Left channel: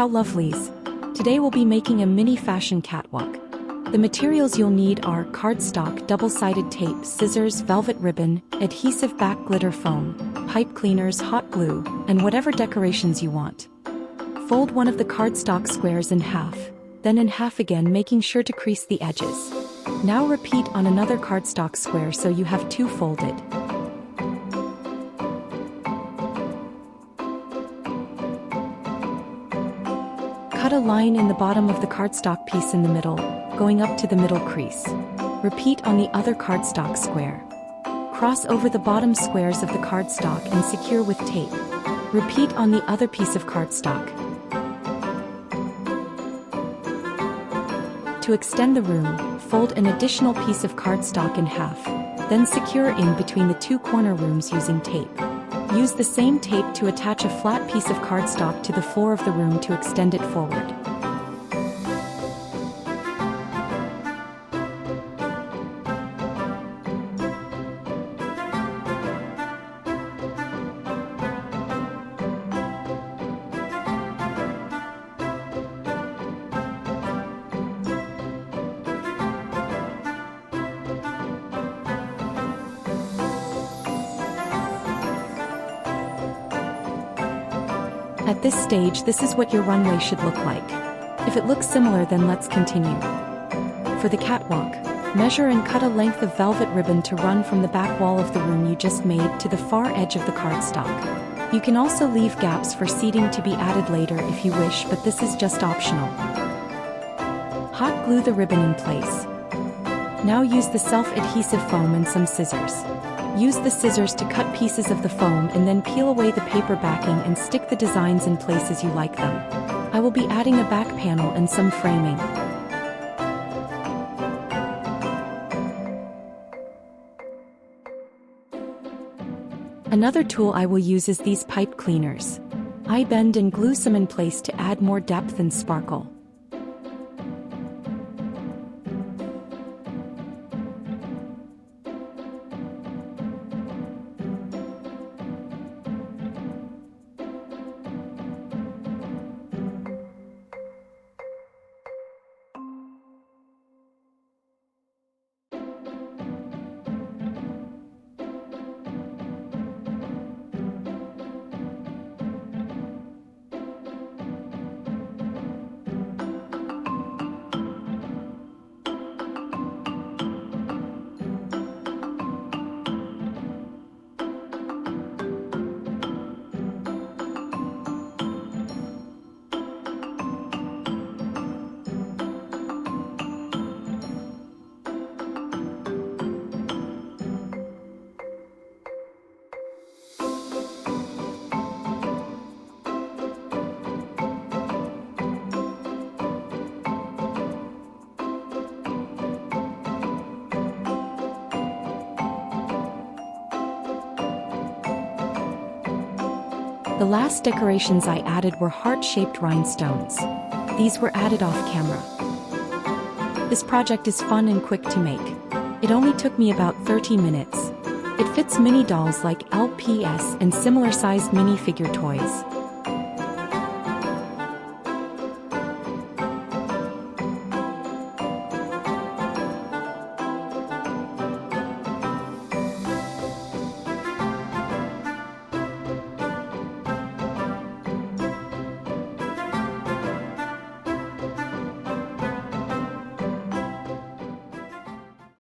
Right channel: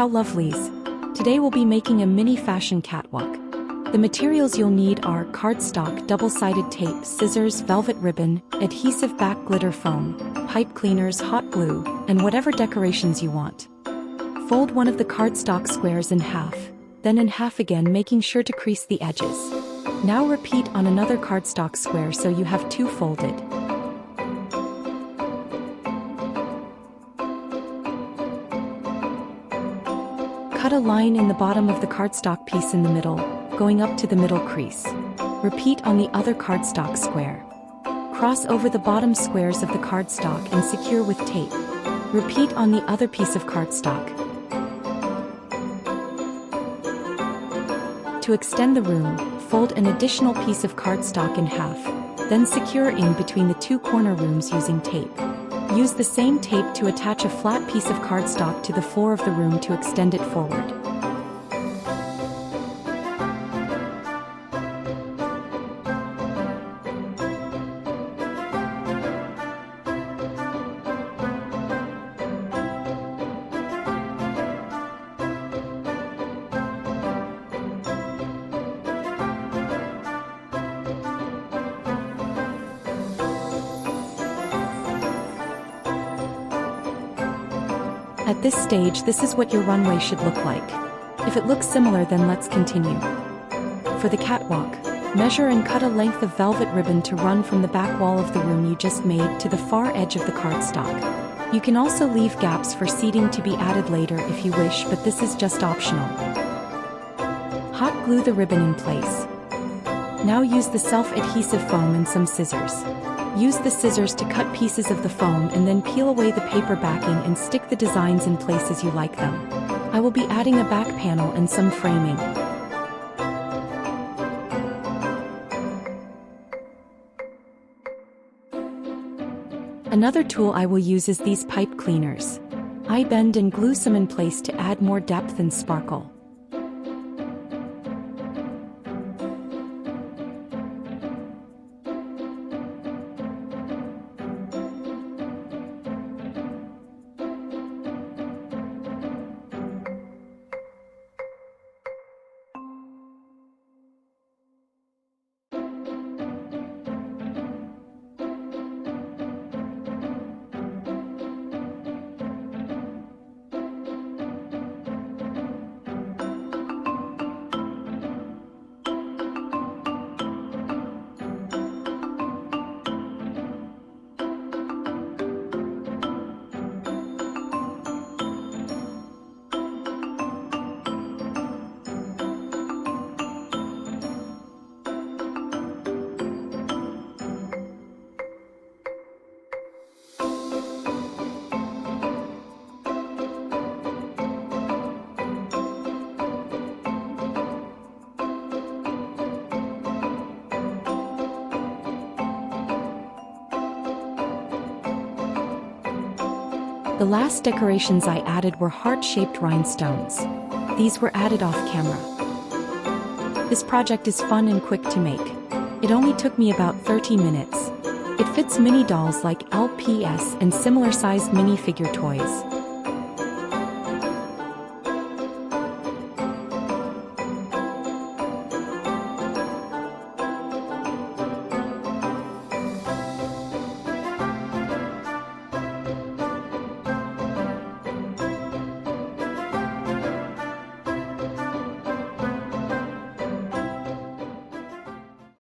How lovelies! Today we'll be making a mini fashion catwalk. The materials you'll need are cardstock, double-sided tape, scissors, velvet ribbon, adhesive back glitter foam, pipe cleaners, hot glue, and whatever decorations you want. Fold one of the cardstock squares in half, then in half again, making sure to crease the edges. Now repeat on another cardstock square so you have two folded. Cut a line in the bottom of the cardstock piece in the middle, going up to the middle crease. Repeat on the other cardstock square. Cross over the bottom squares of the cardstock and secure with tape. Repeat on the other piece of cardstock. To extend the room, fold an additional piece of cardstock in half, then secure in between the two corner rooms using tape. Use the same tape to attach a flat piece of cardstock to the floor of the room to extend it forward. At this stage, this is what your runway should look like. If it looks similar, then let's continue. For the catwalk, measure and cut a length of velvet ribbon to run from the back wall of the room you just made to the far edge of the cardstock. You can also leave gaps for seating to be added later if you wish, but this is just optional. Hot glue the ribbon in place. Now use the self-adhesive foam and some scissors. Use the scissors to cut pieces of the foam and then peel away the paper backing and stick the designs in place as you like them. I will be adding a back panel and some framing. Another tool I will use is these pipe cleaners. I bend and glue some in place to add more depth and sparkle. The last decorations I added were heart-shaped rhinestones. These were added off camera. This project is fun and quick to make. It only took me about 30 minutes. It fits mini dolls like LPS and similar-sized mini figure toys.